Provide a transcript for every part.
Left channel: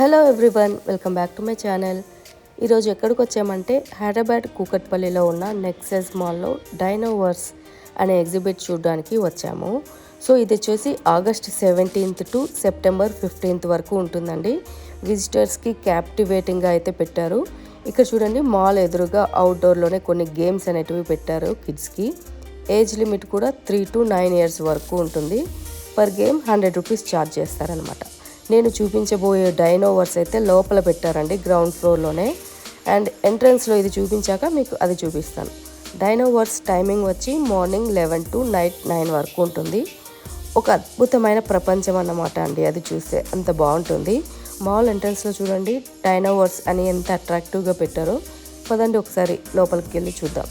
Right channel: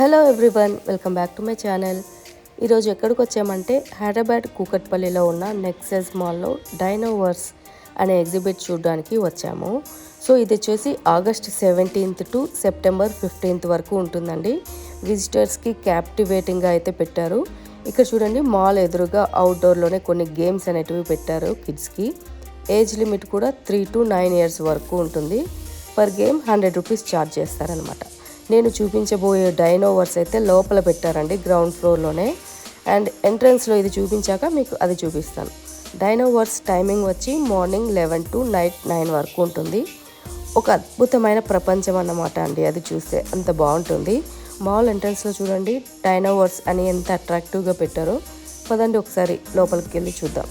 Hello everyone, welcome back to my channel. ఈరోజు ఎక్కడికి వచ్చామంటే హైదరాబాద్ కూకట్పల్లిలో ఉన్న నెక్సెస్ మాల్లో డైనోవర్స్ అనే ఎగ్జిబిట్ చూడడానికి వచ్చాము. సో ఇది వచ్చేసి August 17th to September 15th వరకు ఉంటుందండి. విజిటర్స్కి క్యాప్టివేటింగ్గా అయితే పెట్టారు. ఇక్కడ చూడండి, మాల్ ఎదురుగా అవుట్డోర్లోనే కొన్ని గేమ్స్ అనేటివి పెట్టారు కిడ్స్కి. ఏజ్ లిమిట్ కూడా 3 to 9 years వరకు ఉంటుంది. పర్ గేమ్ 100 రూపీస్ ఛార్జ్ చేస్తారనమాట. నేను చూపించబోయే డైనోవర్స్ అయితే లోపల పెట్టారండి, గ్రౌండ్ ఫ్లోర్లోనే. అండ్ ఎంట్రన్స్లో ఇది చూపించాక మీకు అది చూపిస్తాను. డైనోవర్స్ టైమింగ్ వచ్చి మార్నింగ్ 11 to నైట్ 9 వరకు ఉంటుంది. ఒక అద్భుతమైన ప్రపంచం అన్నమాట అండి, అది చూస్తే అంత బాగుంటుంది. మాల్ ఎంట్రన్స్లో చూడండి, డైనోవర్స్ అని ఎంత అట్రాక్టివ్గా పెట్టారో. పదండి ఒకసారి లోపలికి వెళ్ళి చూద్దాం.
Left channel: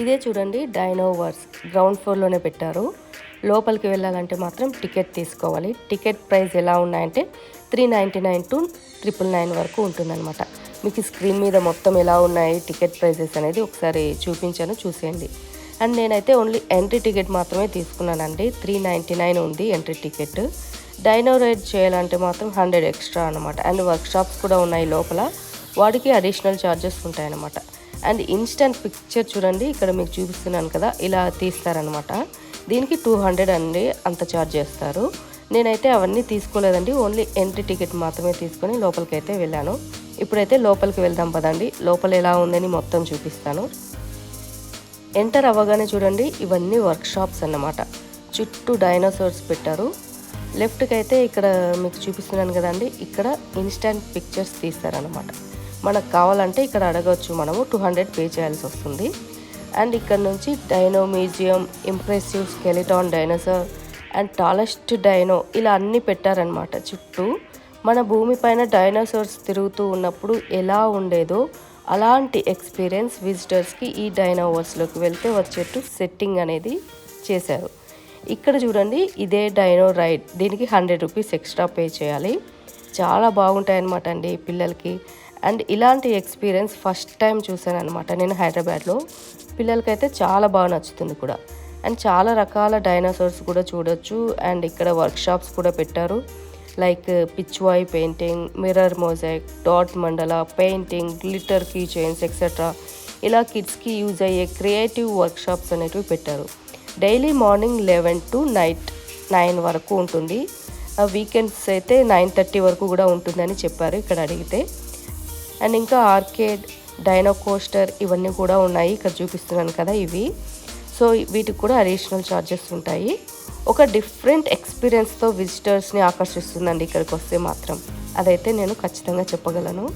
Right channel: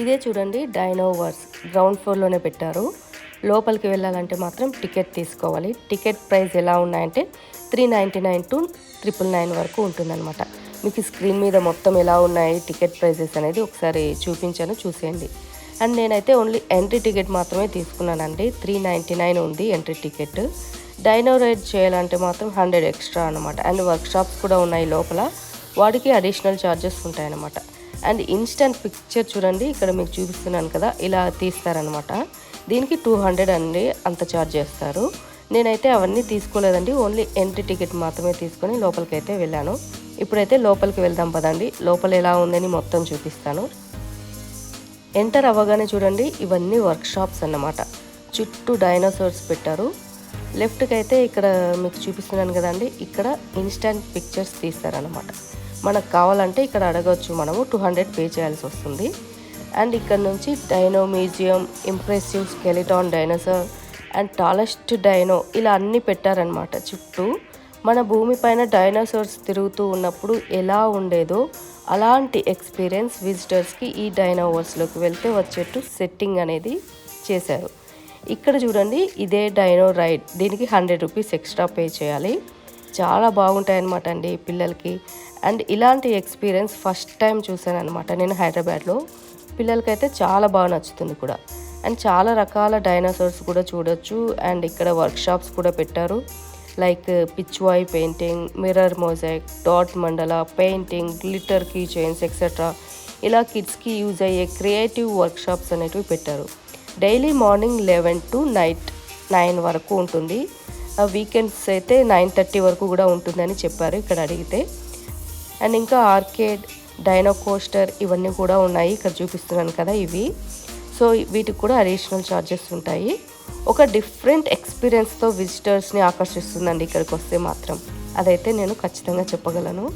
ఇదే చూడండి, డైనోవర్స్ గ్రౌండ్ ఫ్లోర్లోనే పెట్టారు. లోపలికి వెళ్ళాలంటే మాత్రం టికెట్ తీసుకోవాలి. టికెట్ ప్రైస్ ఎలా ఉన్నాయంటే 399 to 999 వరకు ఉంటుందన్నమాట. మీకు స్క్రీన్ మీద మొత్తం ఎలా ఉన్నాయి టికెట్ ప్రైజెస్ అనేది ఒకసారి చూపించాను, చూసేయండి. అండ్ నేనైతే ఓన్లీ ఎంట్రీ టికెట్ మాత్రమే తీసుకున్నానండి. 399 ఉంది ఎంట్రీ టికెట్. డైనో రైడ్ చేయాలంటే మాత్రం 100 ఎక్స్ట్రా అనమాట. అండ్ వర్క్ షాప్స్ కూడా ఉన్నాయి లోపల, వాటికి అడిషనల్ ఛార్జెస్ ఉంటాయన్నమాట. అండ్ ఇన్స్టెంట్ పిక్చర్ చూడండి, ఇక్కడ మీకు చూపిస్తున్నాను కదా, ఇలా తీస్తారనమాట. దీనికి 200 అండి అంత ఛార్జ్ చేస్తారు. నేనైతే అవన్నీ తీసుకోలేదండి, ఓన్లీ ఎంట్రీ టికెట్ మాత్రమే తీసుకొని లోపలికి అయితే వెళ్ళాను. ఇప్పుడైతే లోపలికి వెళ్దాం పదండి. లోపల ఎలా ఉందని మొత్తం చూపిస్తాను. ఎంటర్ అవ్వగానే చూడండి, ఇవన్నీ వర్క్ షాప్స్ అన్నమాట. చుట్టూ డైనోసార్స్ పెట్టారు. లెఫ్ట్కి అయితే ఇక్కడ మీకు చూపిస్తున్నాను కదండి, ఇక్కడ ఇన్స్టెంట్ పిక్చర్స్ తీస్తారనమాట. మనకు కావాలంటే ఇక్కడ అడగవచ్చు, మనము 200 పే చేయాల్సి వస్తుంది. అండ్ ఇక్కడ నుంచి dino museum, impressive స్కెలిటాన్ dinosaur and tallest dino, ఇలా అన్నీ పెట్టారనమాట చుట్టూ. మన భూమిపైన డైనోసార్స్ తిరుగుతూ ఉన్నప్పుడు ఎలా ఉండేదో అలాంటి ఎక్స్పీరియన్స్ విజిటర్స్కి ఈ డైనోవర్స్లోకి వెళ్తే వచ్చేట్టు సెట్టింగ్ అనేది చేశారు. ఇక్కడ చూడండి, ఇదే డైనో రైడ్. దీనికి 100 రూపీస్ ఎక్స్ట్రా పే చేయాలి. చాలా బాగుంటాయి అన్నమాట అండి పిల్లలకి. అండ్ ఇలాంటి ఎక్స్పీరియన్స్ ఫస్ట్ టైం చూసాను అనమాట నేను హైదరాబాద్లో. పిల్లలకైతే చాలా బాగా నచ్చుతుంది కూడా. అండ్ చాలా రకాల డైనోసార్స్ కూడా చూడొచ్చు. అండ్ ఇక్కడ వర్క్ షాప్స్ కూడా పెట్టారు, like Pichwai painting, mirror mosaic, dot mandala painting, glitter key chains etcetera. ఇలా కిడ్స్కి యూజ్ అయ్యే క్రియేటివ్ వర్క్ షాప్స్ అనేటివి పెట్టారు. డైలీ మార్నింగ్ 11 to నైట్ 9 వరకు ఉంటుంది. వీకెండ్స్ అయితే 9:30 వరకు కూడా ఉంటుందని చెప్పారు ఇక్కడ అడిగితే. అండ్ ఇంకా ఆర్కేడ్, డైనో కోస్టర్ ఇవన్నీ కూడా ఉన్నాయి. ఇక్కడ చూపిస్తున్నాను కదా ఇవి. సో వీటికి కూడా అడిషనల్ ఛార్జెస్ ఉంటాయి. ఒక డిఫరెంట్ ఎక్స్పీరియన్స్తో విజిటర్స్ని ఆకర్షిస్తుందండి ఇక్కడికి వస్తే మాత్రం, అదైతే నేను ఖచ్చితంగా చెప్పగలను.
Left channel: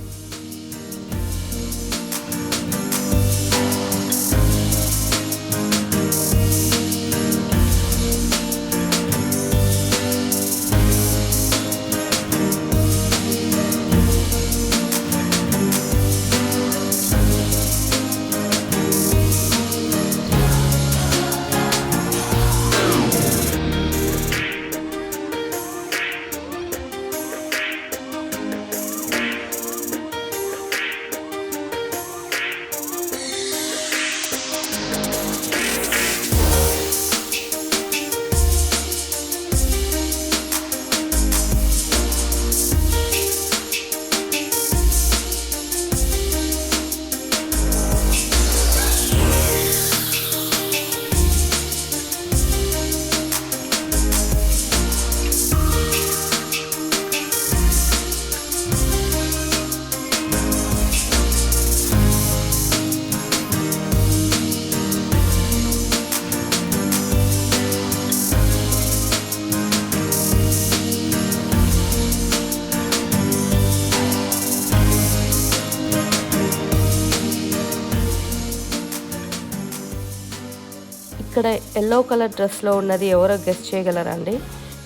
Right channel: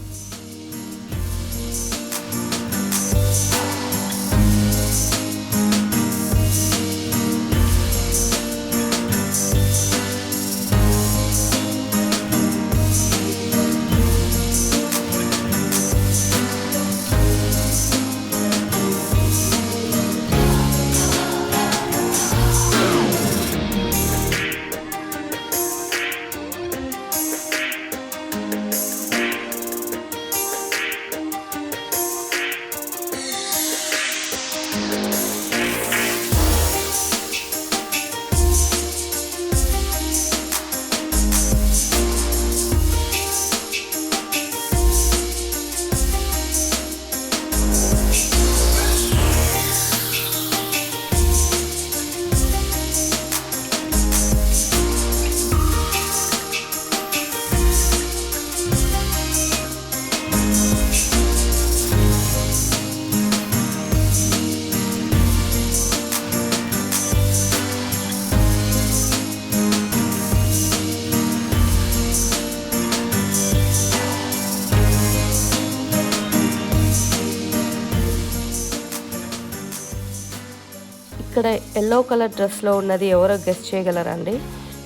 ఇక్కడ ఎల్లో కలర్ డ్రెస్లో ఉన్నది ఎవరో గెస్ట్ చేయగలరండి?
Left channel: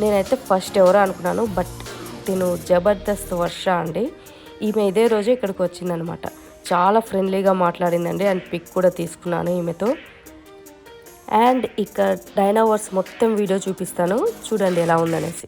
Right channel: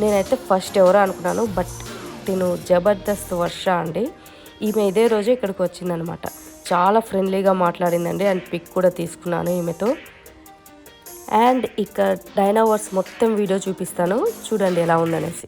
నేనైతే ఫస్ట్ ఎవరో అనుకున్నాను, బట్ తిను జబర్దస్త్ వర్ష అండి. ఈమె ఇదే రోజు ఇక్కడికి వచ్చిందనమాట. చాలా ఫ్రెండ్లీగా మాట్లాడిందండి అండ్ పిక్ కూడా తీసుకున్నాను ఈమెతో. అండ్ ఇక డైనోవర్స్ మొత్తం వీడియో చూపిస్తాను చూడండి ఎలా ఉందనేసి.